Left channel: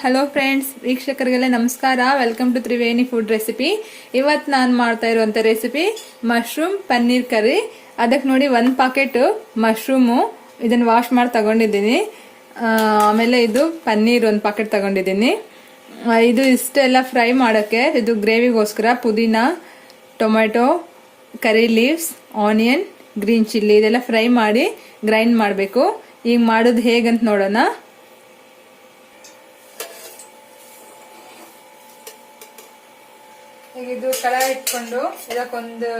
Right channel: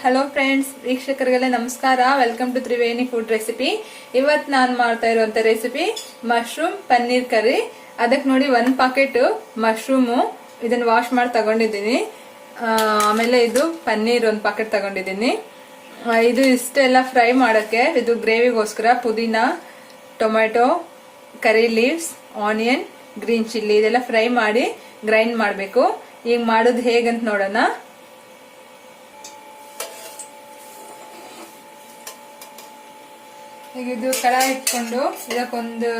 Hello friends, ವೀಕ್ಷಕರಿಗೆಲ್ಲ ನಮಸ್ಕಾರ. Welcome to Triveni food recipe. ಇವತ್ತು ನಾನು ಮಾಡ್ತಾ ಇರುವಂತ ರೆಸಿಪಿ ಮಶ್ರೂಮ್ ಪನ್ನೀರ್ ಕರಿ. ಅದಕ್ಕೆ ನೋಡಿ 1 ಪಾಕೆಟ್ ಮಶ್ರೂಮು ಇದನ್ನ ವಾಶ್ ಮಾಡಿ ತಗೊಂಡಿದ್ದೀನಿ. ಆಮೇಲೆ ಇದು ಪನ್ನೀರ್ 1 ಪಾಕೆಟ್ ತಗೊಂಡಿದ್ದೀನಿ. ಇದು ಇಷ್ಟೆಲ್ಲ ಫ್ರೈ ಮಾಡಕ್ಕೆ, ಇದು ಗ್ರೇವಿಗೋಸ್ಕರ ಪುದೀನ, ಟೊಮೆಟೊ, ಕರಿ ಲೀವ್ಸ್, ಆನಿಯನ್, ಗ್ರೀನ್ ಚಿಲ್ಲಿ ಇದೆಲ್ಲ ಫ್ರೈ ಮಾಡಿ ಗ್ರೈಂಡ್ ಮಾಡಬೇಕು. ಈಗ ಮಾಡೋದು ಹೇಗಂತ ನೋಡೋಣ. ಈಗ ಇದು ಕಡಾಯಿ ಇಟ್ಕೊಂಡು ಇದಕ್ಕೊಂದು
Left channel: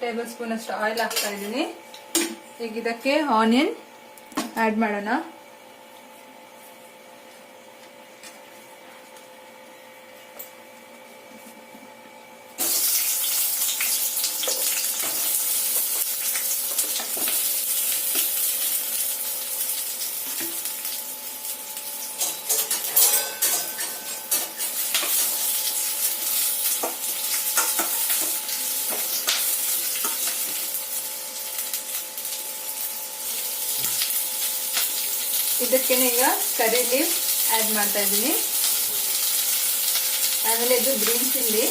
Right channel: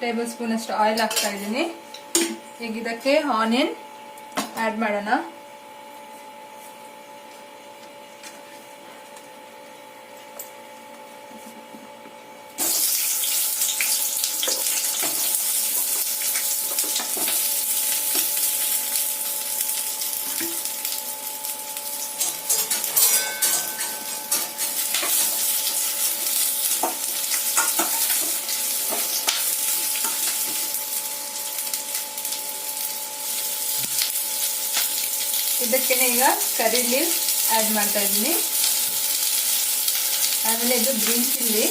ಟೇಬಲ್ ಸ್ಪೂನ್ ಅಷ್ಟು ಆಯಿಲ್ ಹಾಕ್ತಾ ಇದ್ದೀನಿ. ಈಗ ಇದಕ್ಕೆ ಆನಿಯನ್ ಆಡ್ ಮಾಡೋಣ. ಇದಕ್ಕೆ ಈಗ ಕರಿ ಲೀವ್ಸ್ ಆಡ್ ಮಾಡ್ತಾ ಇದ್ದೀನಿ. ಆಮೇಲೆ ಇದು ಗ್ರೀನ್ ಚಿಲ್ಲಿ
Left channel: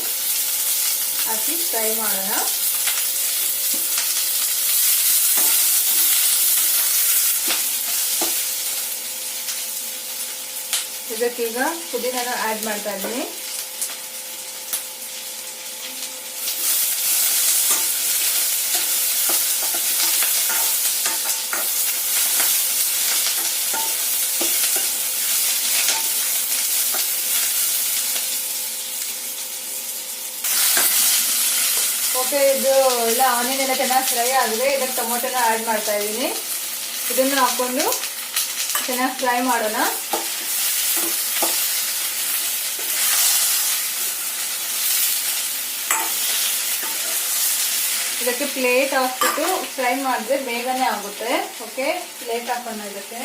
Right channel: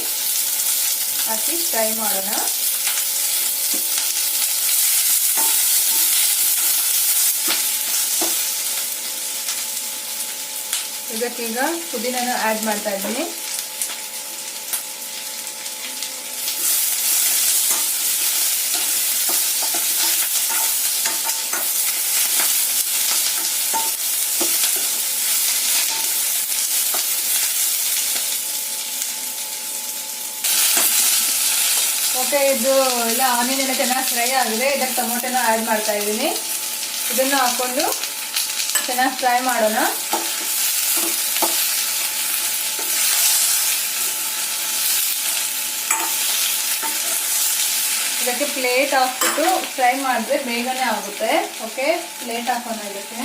ಹಾಕಿ ಫ್ರೈ ಮಾಡೋಣ. ಇದಕ್ಕೀಗ ಪುದೀನ ಆಡ್ ಮಾಡ್ತಾ ಇದ್ದೀನಿ. ಓಕೆ, ಇದು ಎಲ್ಲ ಆನಿಯನ್ ಎಲ್ಲ ಚೆನ್ನಾಗಿ ಫ್ರೈ ಆಗಿದೆ. ಇದಕ್ಕೆ ಟೊಮೊಟೊನ ಆಡ್ ಮಾಡ್ತಾ ಇದ್ದೀನಿ. ಇದನ್ನು ಹಾಕೊಂಡು ಚೆನ್ನಾಗಿ ಫ್ರೈ ಮಾಡೋಣ. ಇದಕ್ಕೆ ಪ್ಲೇಟ್ ಹಾಕ್ಬಿಟ್ಟು ಫ್ರೈ ಮಾಡಿದ್ರೆ ಬೇಗನೆ ಆಗುತ್ತೆ. ಓಕೆ, ಪ್ಲೇಟ್ ಹಾಕೋಣ ಇದಕ್ಕೆ.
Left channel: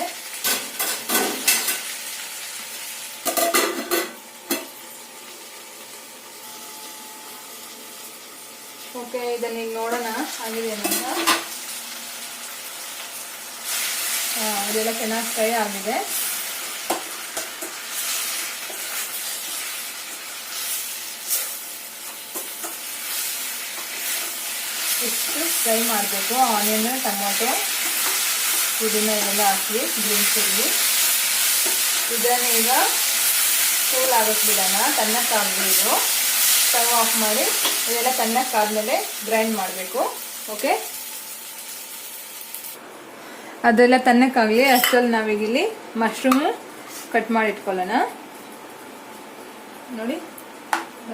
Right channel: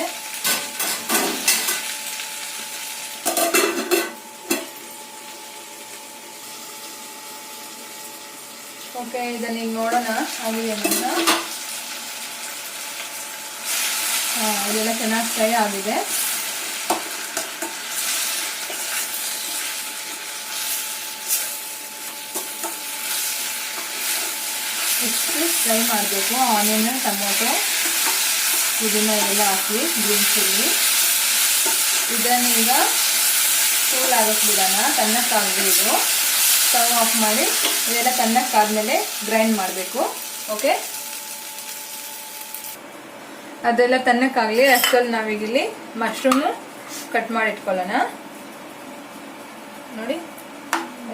ಓಕೆ, ಇದನ್ನ ಈಗ ನೋಡೋಣ ಆಗಿದೆ ಅಂತ. ಇದೆಲ್ಲ ಚೆನ್ನಾಗಿ ಫ್ರೈ ಆಗಿದೆ. ಇಷ್ಟು ಫ್ರೈ ಮಾಡಬೇಕು. ಆನಿಯನ್, ಟೊಮೊಟೊ, ಪುದೀನ ಎಲ್ಲ ಹಾಕಿ ಗ್ರೀನ್ ಚಿಲ್ಲಿ ಇದನ್ನ ಈಗ ಕೂಲ್ ಆಗಕ್ಕೆ ಬಿಡೋಣ. ತಣ್ಣಕ್ಕಾಗಬೇಕು. ಸ್ಟವ್ ಆಫ್ ಮಾಡಿ ಇದೆಲ್ಲ ತಣ್ಣಕ್ಕಾದ್ಮೇಲೆ ಗ್ರೈಂಡ್ ಮಾಡಬೇಕು. ಓಕೆ, ಅದೆಲ್ಲ ತಣ್ಣಕ್ಕಾಗಲಿ. ಅಷ್ಟರಲ್ಲಿ ನಾವೀಗಿಲ್ಲಿ ಮಶ್ರೂಮು ಕಟ್ ಮಾಡಿ ಇಟ್ಕೊಳ್ಳೋಣ. ನೋಡಿ,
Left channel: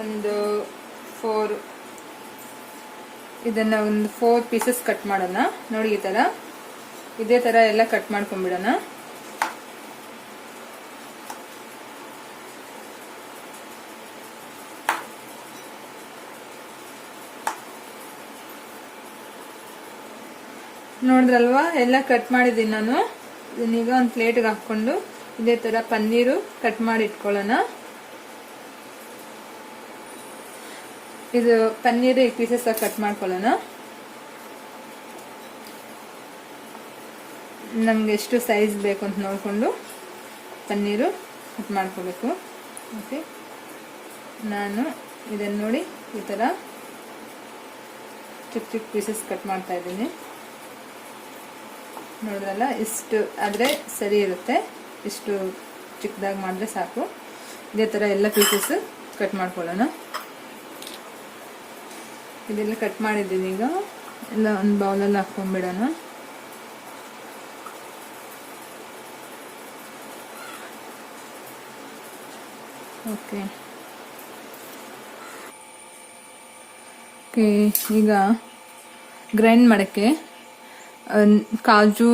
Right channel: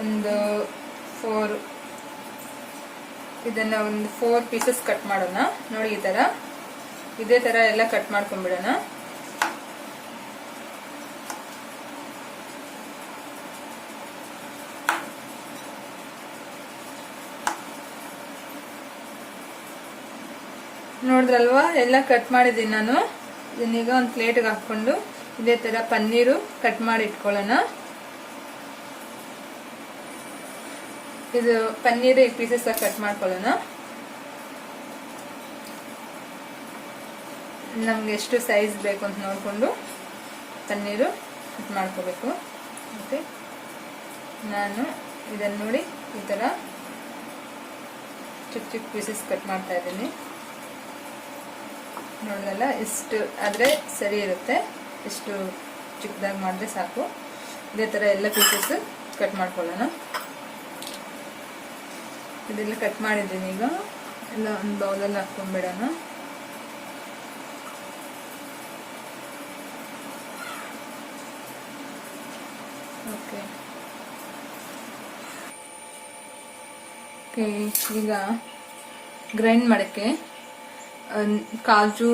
ಒಂದು 4 ಇದನ್ನ ಒಂದು 4 ಪೀಸಸ್ ಕಟ್ ಮಾಡೋಣ. ನೋಡಿ, ಈ ತರ ಇದೇ ತರ ಎಲ್ಲ ಕಟ್ ಮಾಡ್ಕೊಂಡ್ಬಿಡೋಣ. ನೋಡಿದ್ರಲ್ವಾ, ಎಲ್ಲ ಕಟ್ ಮಾಡಿದ್ದೀನಿ ನಾನು. ಇದನ್ನೀಗ ಒಂದು ಪ್ಲೇಟ್ಗೆ ಹಾಕೊಂಡು ಇದೇ ತರ ಪನ್ನೀರು ಕಟ್ ಮಾಡಿ ಇಟ್ಕೊಳ್ಳೋಣ. ಇದು ಪನ್ನೀರು ಈ ಪೀಸಸ್ ಕಟ್ ಮಾಡ್ಕೊಳ್ಳೋಣ. ನಮ್ಗೆ ಎಷ್ಟು ಸೈಜ್ ಬೇಕು ಅಂತ ನೋಡ್ಕೊಂಡು ಪನ್ನೀರು ಕಟ್ ಮಾಡ್ಕೋಬೇಕು. ಓಕೆ, ನಾನು ಇದನ್ನ ನೋಡಿ ಈ ತರ ಚಿಕ್ಕ ಚಿಕ್ಕ ಪೀಸಸ್ ಕಟ್ ಮಾಡ್ತಾ ಇದ್ದೀನಿ. ನೋಡಿದ್ರಲ್ಲ, ಇಷ್ಟು ಆದ್ರೆ ಸರಿ ಇರುತ್ತೆ. ಇಷ್ಟು ಚಿಕ್ಕದಾಗಿ ಮಾಡಿದ್ರೆ ಸಾಕು. ಇದೇ ತರ ಎಲ್ಲ ಪೀಸಸ್ ಕಟ್ ಮಾಡ್ಕೊಳ್ಳೋಣ. ಇದೆಲ್ಲ ಕಟ್ ಮಾಡಿದ್ದೀನಿ. ಈಗ ಎಲ್ಲ ಒಂದು ಬೌಲಲ್ಲಿ ಹಾಕೊಂಡ್ಬಿಡೋಣ. ಓಕೆ, ಈಗ ಗ್ರೈಂಡ್ ಮಾಡಕ್ಕೆ ಕಾಜು,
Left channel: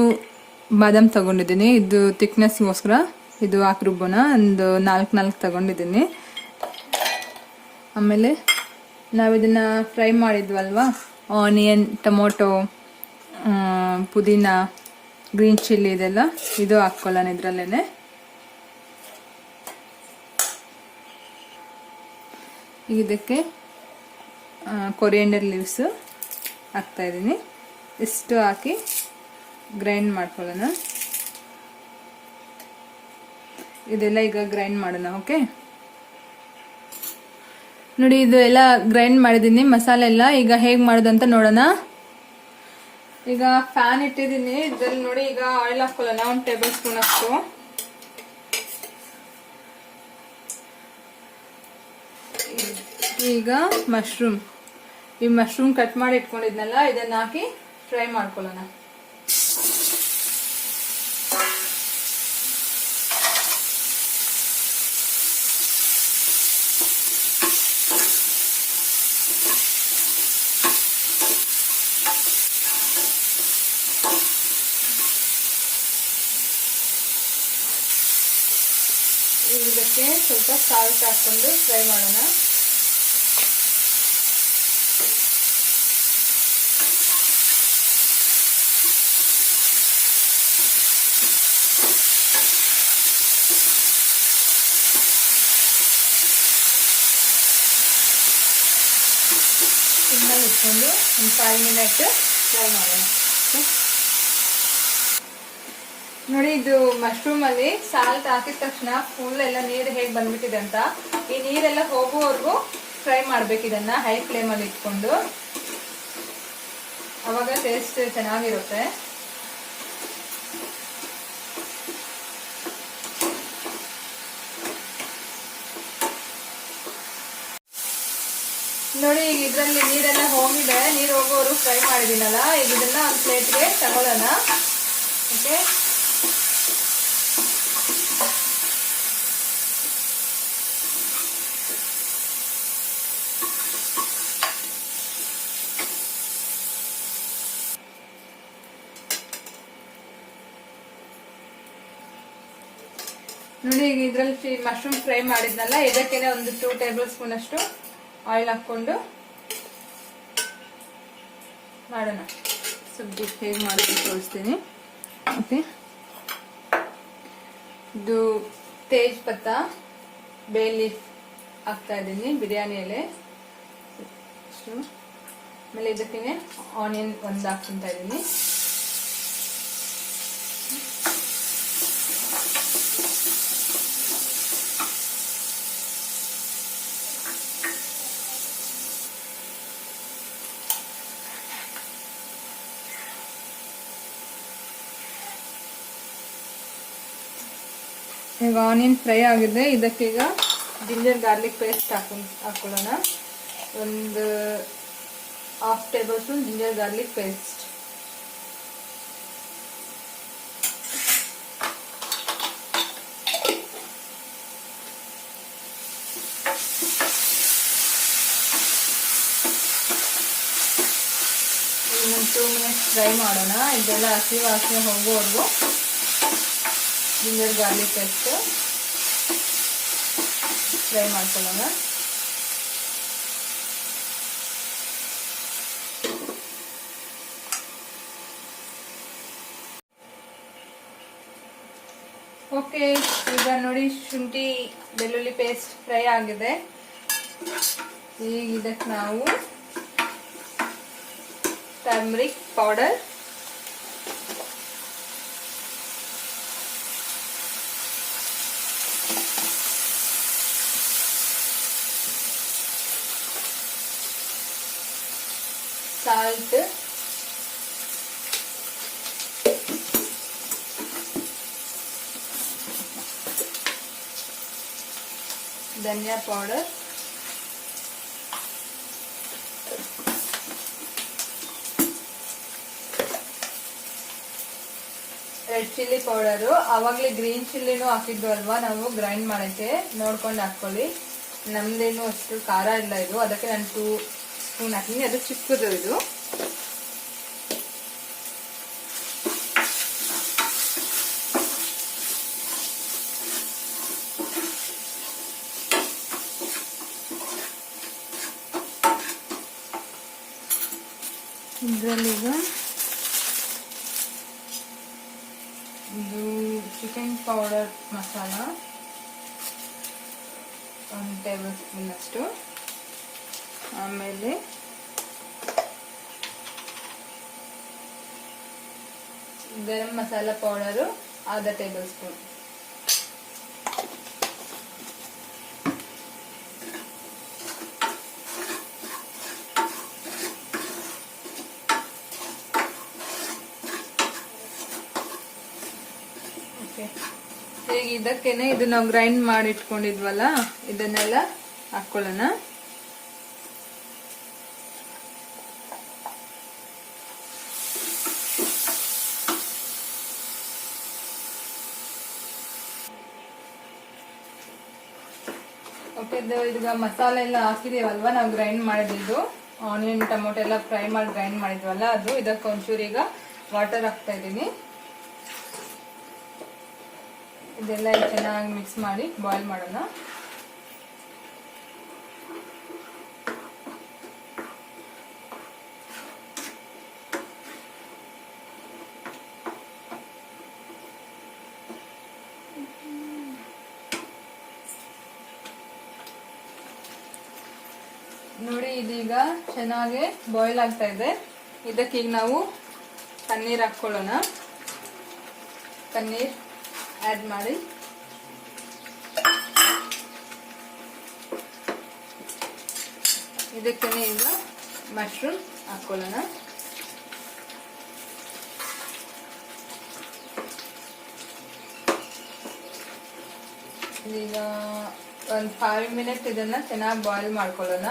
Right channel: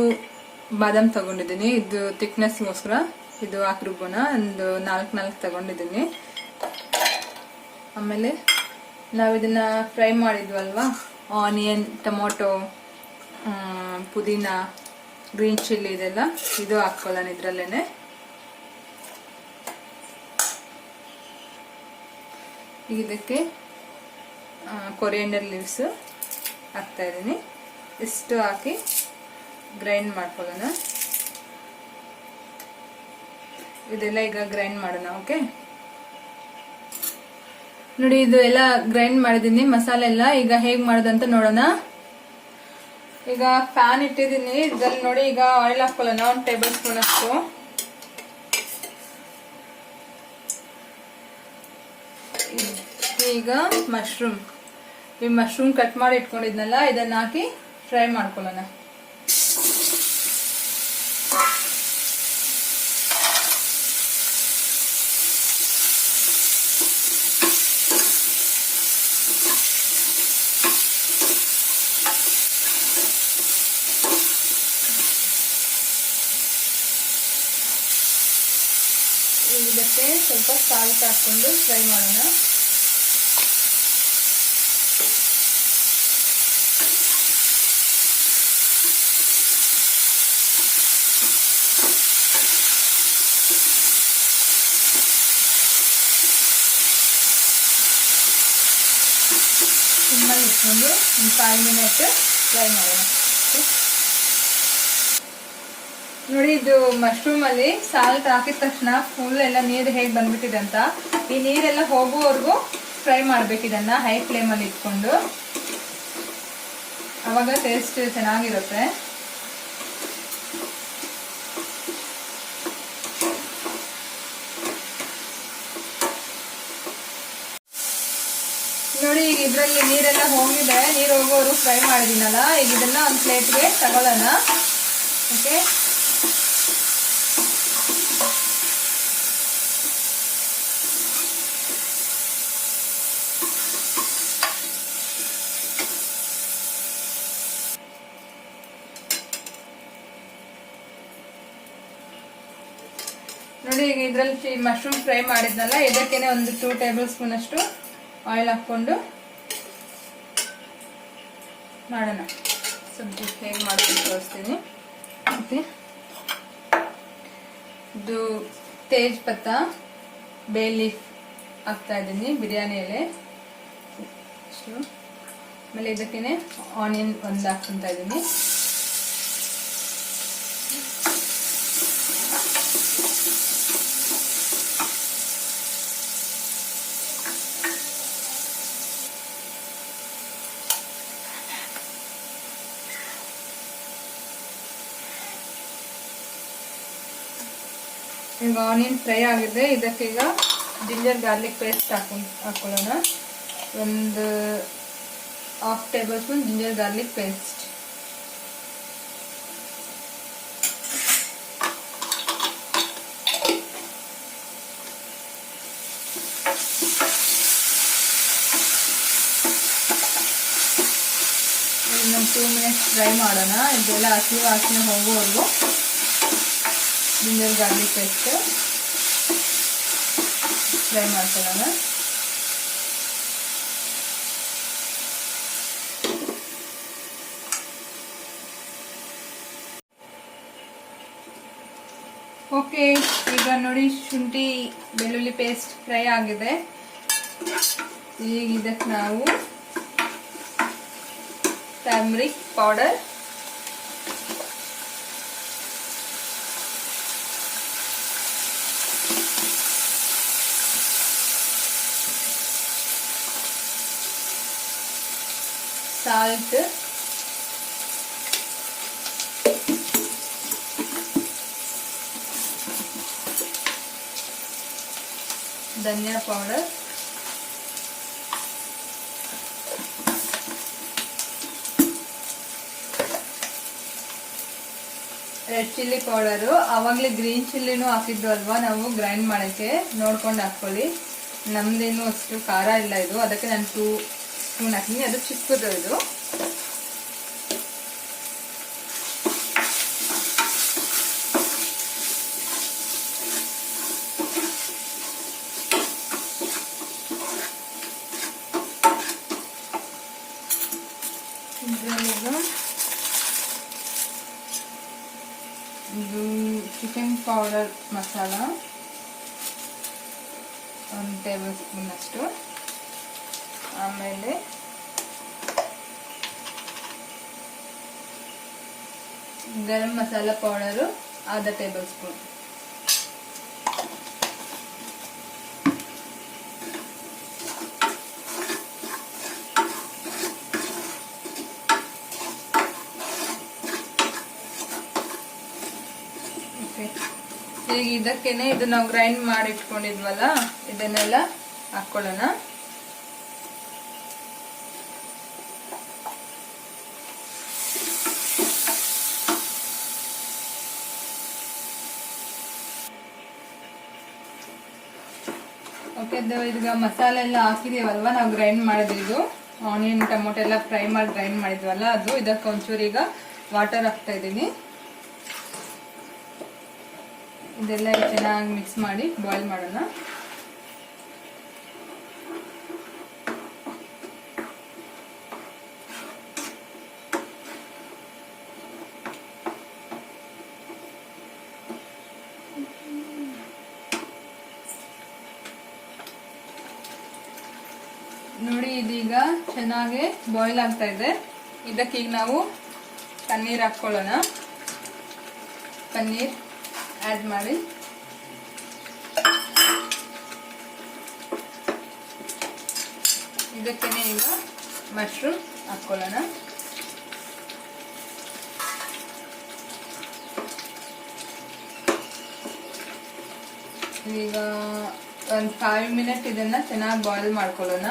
ಬಾದಾಮ್ ತಗೊಂಡಿದ್ದೀನಿ. ಇದು ಥಿಕ್ನೆಸ್ಗೋಸ್ಕರ ಇದು ಹಾಕಿ ರುಬ್ಬೋಣ. ಒಂದು 4 ತಗೊಂಡಿದ್ದೀನಿ. ಆಮೇಲೆ ನಾವು ಇದನ್ನ ಫ್ರೈ ಮಾಡಿದ್ವಲ್ವಾ, ಆನಿಯನ್, ಟೊಮೊಟೊ, ಪುದೀನ, ಗ್ರೀನ್ ಚಿಲ್ಲಿ ಇದೆಲ್ಲ ಇದು ಹಾಕೊಳ್ಳೋಣ ಇದ್ರಲ್ಲೇನೆ. ಇದಕ್ಕೆ ಕೊರಿಯಂಡರ್ ಲೀವ್ಸ್ ಹಾಕ್ತಾ ಇದ್ದೀನಿ. ಇಷ್ಟು ಹಾಕಿ ಗ್ರೈಂಡ್ ಮಾಡ್ಕೊಳ್ಳೋಣ. ಇದೆಲ್ಲ ಈಗ ಗ್ರೈಂಡ್ ಮಾಡೋಣ. ಓಕೆ, ನೋಡಿ ಇದು ಎಲ್ಲ ಗ್ರೈಂಡ್ ಮಾಡಿದೀನಿ ಮಸಾಲೆ ಎಲ್ಲ. ಈಗ ಹೇಗ್ ಮಾಡೋದಂತ ನೋಡೋಣ. ಈಗ ಫ್ಯಾನ್ ಇಟ್ಟಿದ್ದೀನಿ, ಇದ್ರಲ್ಲಿ ನೋಡಿ ಈಗ ಆಯಿಲ್ ಹಾಕೊಳ್ಳೋಣ 1 ಟೇಬಲ್ ಸ್ಪೂನ್ ಅಷ್ಟು. ಈಗ ಈ ಮಶ್ರೂಮ್ ಕಟ್ ಮಾಡಿ ಇಟ್ಕೊಂಡಿದ್ನಲ್ಲ ಇದನ್ನ ಹಾಕಿ ಫ್ರೈ ಮಾಡ್ಕೊಳ್ಳೋಣ. ಇದಕ್ಕೆ ಸ್ವಲ್ಪ ಸಾಲ್ಟ್ ಹಾಕೊಂಡು ಫ್ರೈ ಮಾಡೋಣ. ಸಿಮ್ಮಲ್ಲಿ ಇಟ್ಕೊಂಡು ಒಂದು 5 ಮಿನಿಟ್ ಫ್ರೈ ಮಾಡೋಣ. ನೋಡಿ ಇದು ಮಶ್ರೂಮ್ ಅಲ್ಲಿ ಸಾಲ್ಟ್ ಹಾಕಿದ ತಕ್ಷಣ ಫುಲ್ ಎಲ್ಲ ನೀರು ಹೇಗೆ ಬಂದ್ಬಿಟ್ಟಿದೆ ಅಂತ. ಈ ನೀರೆಲ್ಲ ಹೋಗುವವರೆಗೂ ಫ್ರೈ ಮಾಡ್ಬೇಕು ಇದನ್ನ ಹೈ ಫ್ಲೇಮ್ ಅಲ್ಲಿ ಇಟ್ಕೊಂಡು, ಅವಾಗ ಟೇಸ್ಟ್ ಚೆನ್ನಾಗಿರುತ್ತೆ. ನೋಡಿ ಈಗ ಇದ್ರಲ್ಲಿ ನೀರೆಲ್ಲ ಹೋಗಿದೆ, ನೀರು ಹೋಗೋರು ಫ್ರೈ ಮಾಡಿದೀನಲ್ಲ. ಈಗ ಇದನ್ನ ಒಂದು ಪ್ಲೇಟ್ಗೆ ತಗೊಳ್ಳೋಣ. ಓಕೆ, ನೋಡಿ ಈಗ ಇದ್ರಲ್ಲಿ ಮಶ್ರೂಮ್ ಫ್ರೈ ಮಾಡಿದ್ನಲ್ಲ ಇದಕ್ಕೇನೆ ಒಂದು 2 ಟೇಬಲ್ ಸ್ಪೂನ್ ಅಷ್ಟು ಆಯಿಲ್ ಹಾಕೊಂಡು ಮಾಡೋಣ. ಸ್ವಲ್ಪ ಹೇಗೆ ಮಾಡ್ಕೊಂಡು ತೋರಿಸ್ತೀನಿ. ಓಕೆ, ಇದು ತೇಜ್ ಪತ್ತ, ಬೇ ಲೀಫ್ ಹಾಕ್ತಾ ಇದ್ದೀನಿ, ಬಿರಿಯಾನಿ ಎಲೆ ಅಷ್ಟು. ಆಮೇಲೆ ಇದಕ್ಕೇನೆ ಆನಿಯನ್ ಒಂದು ಹಾಕ್ತಾ ಇದ್ದೀನಿ. ಈಗ ಆನಿಯನ್ ಫ್ರೈ ಆಗಿದೆ, ಇದಕ್ಕೀಗ ಜಿಂಜರ್ ಗಾರ್ಲಿಕ್ ಪೇಸ್ಟ್ ಹಾಕೊಳ್ಳೋಣ. ಒಂದು 1/2 table spoon ginger garlic paste. ಇನ್ನೊಂದು 2 ಮಿನಿಟ್ಸ್ ಫ್ರೈ ಮಾಡೋಣ. ಇದೆಲ್ಲ ಹಸಿ ವಾಸನೆ ಹೋಗುವವರೆಗೂ ಜಿಂಜರ್ ಗಾರ್ಲಿಕ್ ಪೇಸ್ಟ್ ಫ್ರೈ ಮಾಡ್ಕೊಳ್ಳೋಣ. ಓಕೆ, ಈಗ ನೋಡಿ ಶುಂಠಿ ಬೆಳ್ಳುಳ್ಳಿ ಪೇಸ್ಟ್ ಫ್ರೈ ಆಗಿದೆ. ಈಗ ಇದಕ್ಕೆ ನಾವು ಟರ್ಮರಿಕ್ ಪೌಡರ್, ಸಾಲ್ಟ್, ಧನಿಯಾ ಪೌಡರ್, ರೆಡ್ ಚಿಲ್ಲಿ ಪೌಡರು. ಅವಾಗಲೇ ಗ್ರೀನ್ ಚಿಲ್ಲಿನೂ ಹಾಕಿದ್ದು ಅಲ್ವಾ ನಾವು ಗ್ರೈಂಡ್ ಮಾಡಕ್ಕೆ, ನೋಡ್ಕೊಂಡು ಹಾಕೊಳ್ಳಿ. ನಮ್ದೇನು ಅಷ್ಟು ಖಾರ ಇಲ್ಲ ಇದು, ಅದಕ್ಕೆ ನಾನು 2 ಸ್ಪೂನ್ ಹಾಕಿನಿ. ಅದು ಚಿಕ್ಕದು ಇದು. ಇದರಲ್ಲೀಗ ಇದು chicken powder masala 1 table spoon ಅಷ್ಟು. ಆಮೇಲೆ garam masala powder 1/2 table spoon. ಈಗ ಇದಕ್ಕೇನೆ ಇದು ನಾವು ಗ್ರೈಂಡ್ ಮಾಡಿ ಇಟ್ಕೊಂಡಿದ್ವಲ್ಲ ಇದನ್ನೆಲ್ಲ ಹಾಕೊಳ್ಳೋಣ. ಓಕೆ, ಈಗ ಮಸಾಲೆ ಎಲ್ಲ ಹಾಕಿದೀವಲ್ವಾ, ನಾವು ಗ್ರೈಂಡ್ ಮಾಡಿದ್ದು ಆನಿಯನ್ ಟೊಮೊಟೊ ಎಲ್ಲ ಫ್ರೈ ಮಾಡಿ ಗ್ರೈಂಡ್ ಮಾಡಿದ್ವಲ್ಲ ಅದು. ಇದಕ್ಕೆ ಒಂಚೂರು ಈಗ ವಾಟರ್ ಹಾಕ್ತಾ ಇದ್ದೀನಿ. ಇದೆಲ್ಲ ಚೆನ್ನಾಗಿ ಮಿಕ್ಸ್ ಮಾಡಿ ಬಾಯ್ಲ್ ಮಾಡೋಣ. ನೋಡಿ ಇದೀಗ ಚೆನ್ನಾಗಿ ಬಾಯ್ಲ್ ಆಗ್ತಾ ಇದೆ. ಇದಕ್ಕೀಗ ನಾವು ಪನ್ನೀರ್ ಹಾಕೊಳ್ಳೋಣ. ಪನ್ನೀರ್ ಆಡ್ ಮಾಡಿ ಇದಕ್ಕೆ ಈಗ ಮಶ್ರೂಮ್ ಹಾಕೊಳ್ಳೋಣ. ಈಗ ಒಂದು 5 ಮಿನಿಟ್ ಇದನ್ನ ಚೆನ್ನಾಗಿ ಬಾಯ್ಲ್ ಮಾಡ್ಕೊಳ್ಳೋಣ.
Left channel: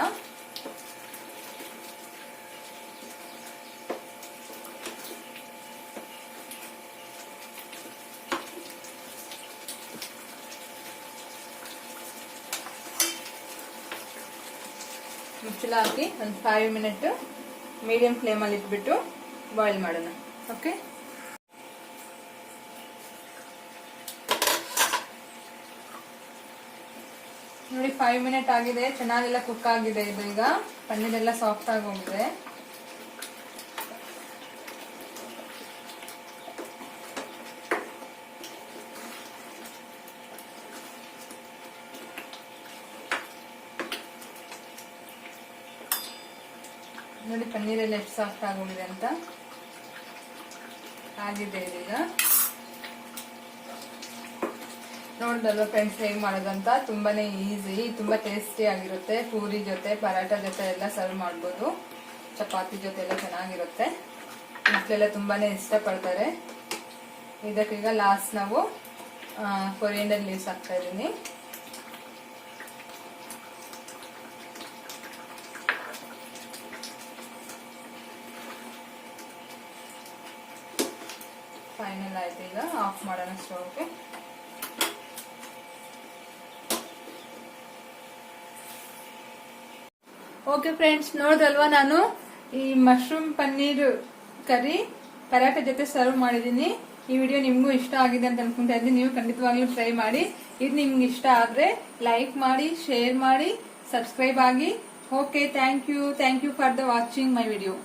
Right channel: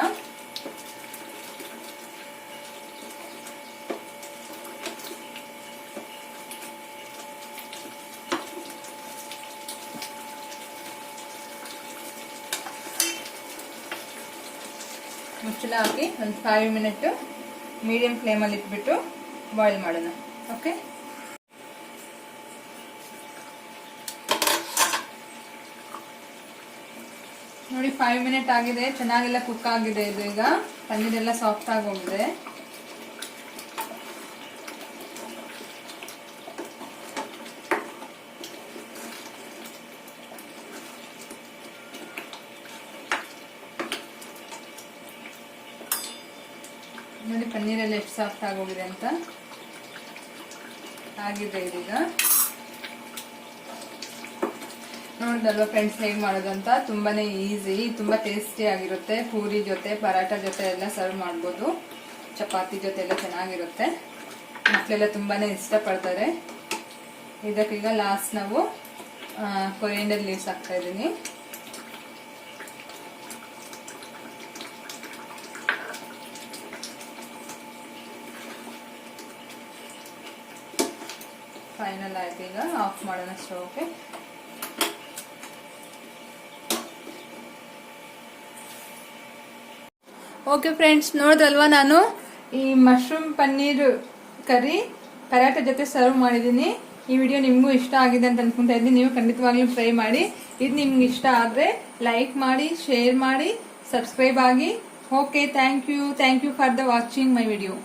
ಮುಚ್ಚಳ ಹಾಕಿ ಒಂದು 5 ಮಿನಿಟ್ ಮೀಡಿಯಂ ಫ್ಲೇಮಲ್ಲಿ ಇಟ್ಬಿಟ್ಟು ಬಾಯ್ಲ್ ಮಾಡೋಣ. ಓಕೆ, ನೋಡಿ 5 ಮಿನಿಟ್ ಆಗಿದೆ. ಚೆನ್ನಾಗೆಲ್ಲ ಕುಕ್ ಆಗಿದೆ. ಇದು ಈಗ ಪನ್ನೀರ್ ಎಲ್ಲ ಸಾಫ್ಟ್ ಆಗಿ ಹೋಗಿದೆ. ನೋಡಿ ಪನ್ನೀರೆಲ್ಲ ಎಷ್ಟು ಸಾಫ್ಟ್ ಆಗೋಗಿದೆ ಅಂತ ಆಗಿದೆ. ಇದೀಗ ನೋಡಿದಲ್ವ ಫ್ರೆಂಡ್ಸ್ ಹೇಗೆ ಮಾಡೋದು ಅಂತ. ತುಂಬಾನೇ ಈಸಿ, ತುಂಬಾ ಟೇಸ್ಟಿ ಆಗಿರುತ್ತೆ. ಪೂರಿ ಜೊತೆ ಪರಾಟ ಜೊತೆ ಎಲ್ಲ ಸರ್ವ್ ಮಾಡ್ಬೋದು. ಚಪಾತಿ ಜೊತೆ ಎಲ್ಲ ಚೆನ್ನಾಗಿರುತ್ತೆ. ಮಕ್ಕಳೆಲ್ಲ ತುಂಬಾನೇ ಇಷ್ಟಪಡ್ತಾರೆ. ಇದಕ್ಕೀಗ ಲಾಸ್ಟ್ ನಾವು ಕೊರಿಯಂಡರ್ ಲೀವ್ಸ್ ಹಾಕ್ತಾ ಇದ್ದೀನಿ. ಫೈನಲ್ ಆಯ್ತು. ಈಗ ಆಫ್ ಮಾಡೋಣ ಸ್ಟವ್ಗೆ. ಓಕೆ ಫ್ರೆಂಡ್ಸ್, ನೋಡಿದ್ರಲ್ವಾ ನಾನು ಈ ಮಶ್ರೂಮ್ ಪನ್ನೀರ್ ಕರಿ ಪರಾಟ ಜೊತೆ ಸರ್ವ್ ಮಾಡಿದ್ದೀನಿ. ಈ ವಿಡಿಯೋ ನಿಮಗೂ ಇಷ್ಟ ಆಗಿದೆ ಅಂತ ಅನ್ಕೊಂತಾ ಇದ್ದೀನಿ. ನೀವು ಖಂಡಿತವಾಗ್ಲೂ ಟ್ರೈ ಮಾಡಿ. ಇದು ನಿಮ್ಗೆ ಇಷ್ಟ ಆದ್ರೆ ಲೈಕ್ ಮಾಡಿ, ಶೇರ್ ಮಾಡಿ, ಸಬ್ಸ್ಕ್ರೈಬ್ ಆಗಿ. Okay, thank you for the watching my video.